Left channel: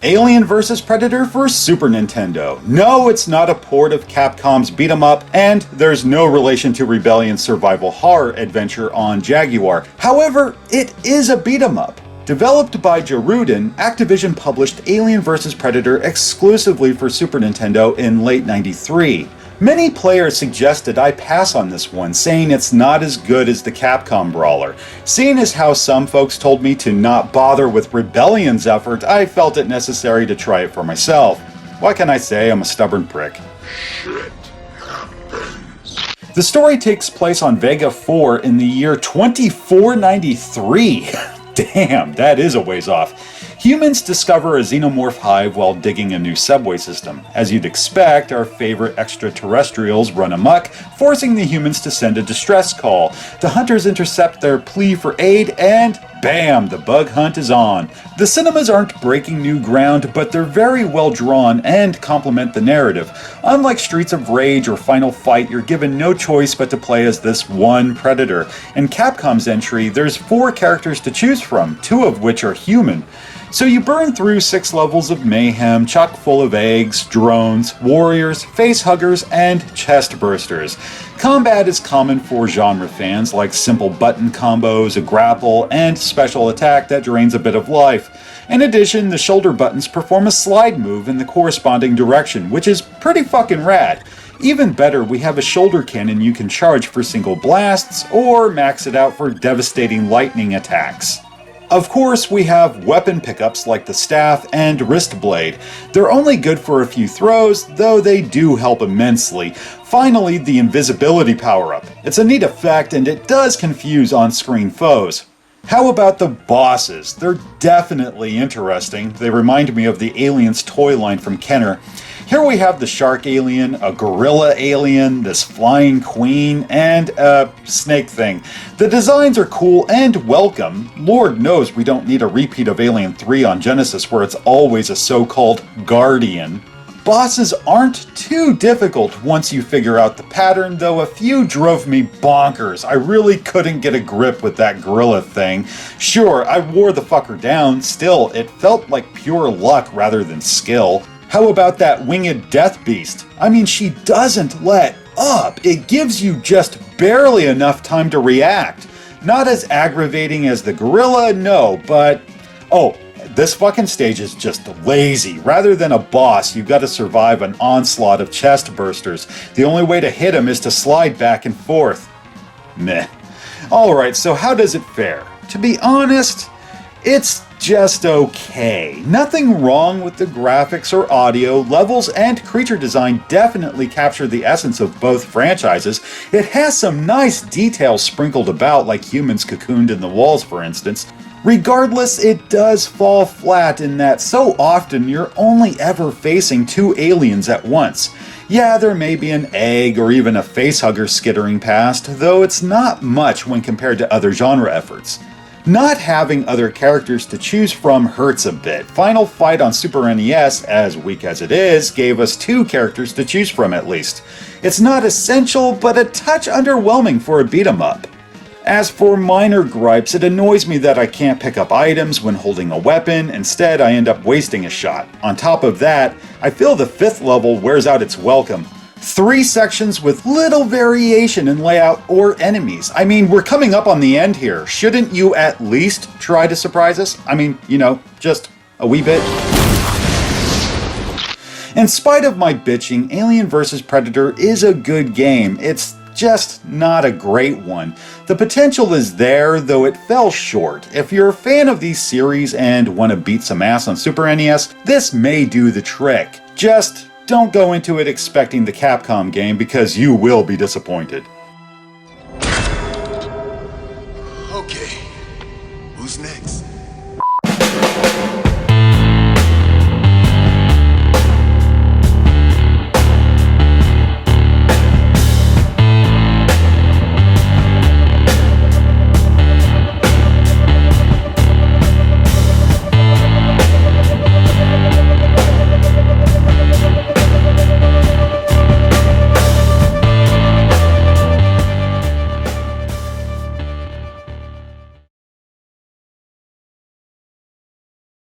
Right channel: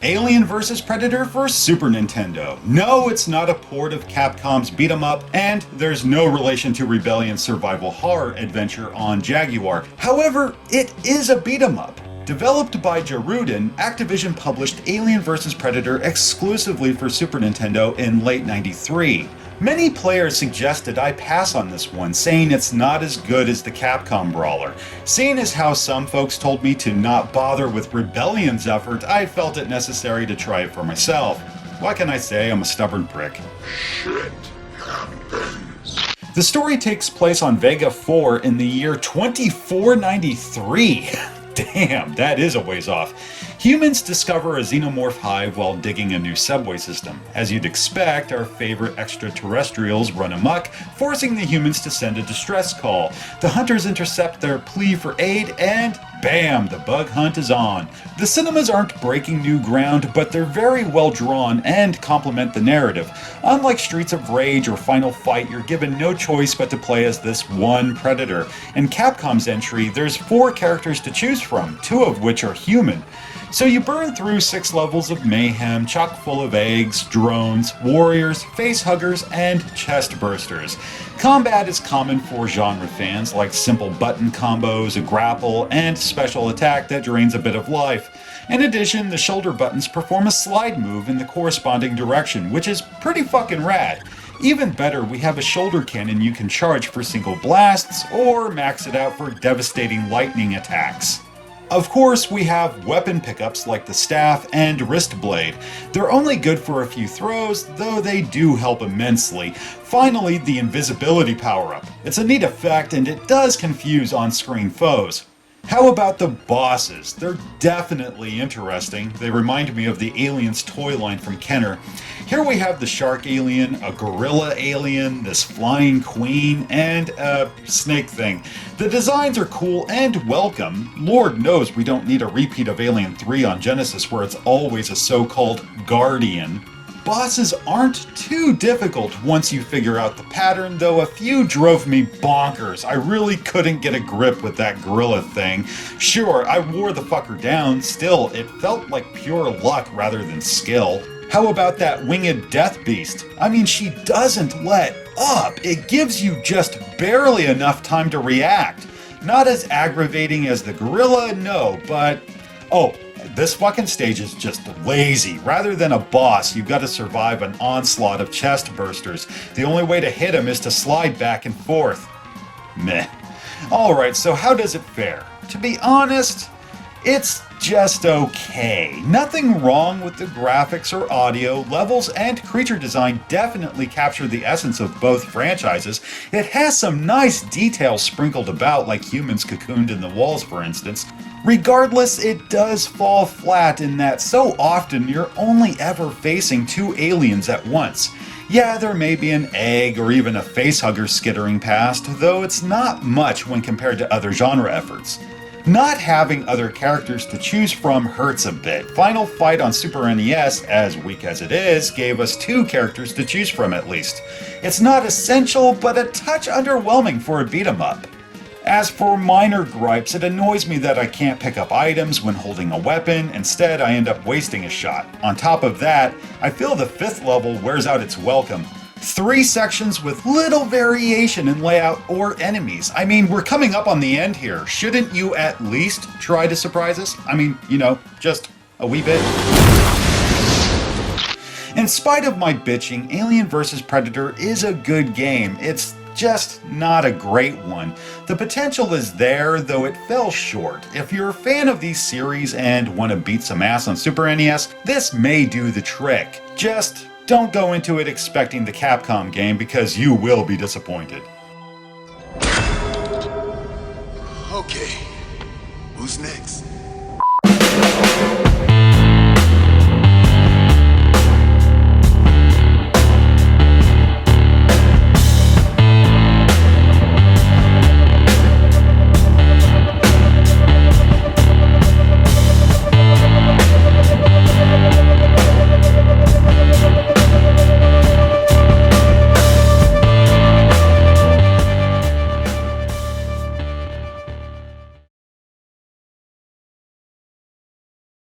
Alien vs. Predator for Super Nintendo. No, it's not a port of Capcom's beat 'em up, and there's no relation to Rebellion's survival horror adventure on Jaguar. However, it is a beat 'em up. Developed by Jaruden, Activision published Alien vs. Predator exclusively for Super Nintendo in late '93. Many players suggested I pass on this one, saying it's not as good as the Capcom brawler. Seeing as how some folks told me to not bother with Rebellion's effort, I felt it necessary to try it for myself. What can I say? I'm a stubborn prick. Shit happens. The story takes place on Vega 4 in the year 2493. Damn, that is a ways off. Humans discover a xenomorph hive while digging a new subway system. As you'd expect, our favorite extraterrestrials run amok, forcing the humans to send a distress call. The hunters intercept their plea for aid, and bam, the bug hunt is on. The cinemas aren't breaking new ground, but they're very well drawn and complement the narrative. Unlike Streets of Rage or Final Fight, you're given no choice but to play as this one predator. In Capcom's entry, there's 4 characters to choose from, 2 of which are human. So you burn through 6 levels of mayhem, chock full of eggs, drones, warriors, facehuggers, and chest bursters. Combat is common for genre fans, like simple button combos, a grapple, and special attack that drains a bit of life. In addition, the shoulder buttons perform a slide move in the corresponding direction, which is pretty fucking rad. Even better, we have a shoulder cannon you can charge for single blasts, or max it out for devastating lightning attacks. Of course, we have weapon pickups like the staff and wrist blade. They're only good for a few throws, though they do help immensely. Finally, the invisibility power-up. It's a neat effect, and it does confuse on-screen foes. How about the bosses? They're definitely interesting. They remind me of the Aliens toy line from Kenner. Here we have the shark alien, a gorilla alien, this flying queen, and a snake thing. The designs are cool and welcome. Lord knows we don't need a repeat of Alien 3 on Genesis where it's always a so-called guardian. Bosses aren't too difficult once you figure out the pattern, though a few drove me bonkers. I really couldn't get a grip with that gorilla thing. Sure, I wore the fucker down, still, it felt like pure luck rather than skill. How about that winged death beast? I mean, she doesn't let up. It gives you just barely enough time to react. Not as aggravating as the gorilla, no, but... oh, this fucking stage is just lazy. Rather than a boss, you've got to survive an onslaught of chest bursters. The only way to hit him is to slide back and forth. Meh. Alright, so how does it fare? To be honest, it's just okay. Nothing wrong with the graphics or audio. Levels and creature design definitely capture the essence of both franchises. It has some nice details sprinkled about, like humans cocooned in the walls, for instance. Regardless, it does fall flat in that so often you're only ever facing 2 aliens at once. Yeah, there may be an egg or even a facehugger skittering past, though it's not much when compared to other genre efforts. Not having other characters to choose from hurts a bit. Final Fight on Super NES, as weak as it is, gave us 2 characters to choose from at least. It's not essential, but a touch underwhelming for a beat-em-up. As for minor gripes, it annoys me that I can't pick up items when holding a weapon. Instead, I end up wasting a shot. On top of that, I feel the 5th level wears out its welcome. 3 sections with little variation in layout or enemies. I mean, we're coming up on the end here. Shouldn't you at least try to surprise us? I mean, you know, just a wee bit. In spite of my bitching, Alien vs. Predator is a good game. It's just not a great one. The potential is there, though it fell short. If you're a fan of these series and want to beat some ass on Super NES, this may do the trick. Just don't go into it expecting the Capcom game because you will be disappointed. Okay, who's next?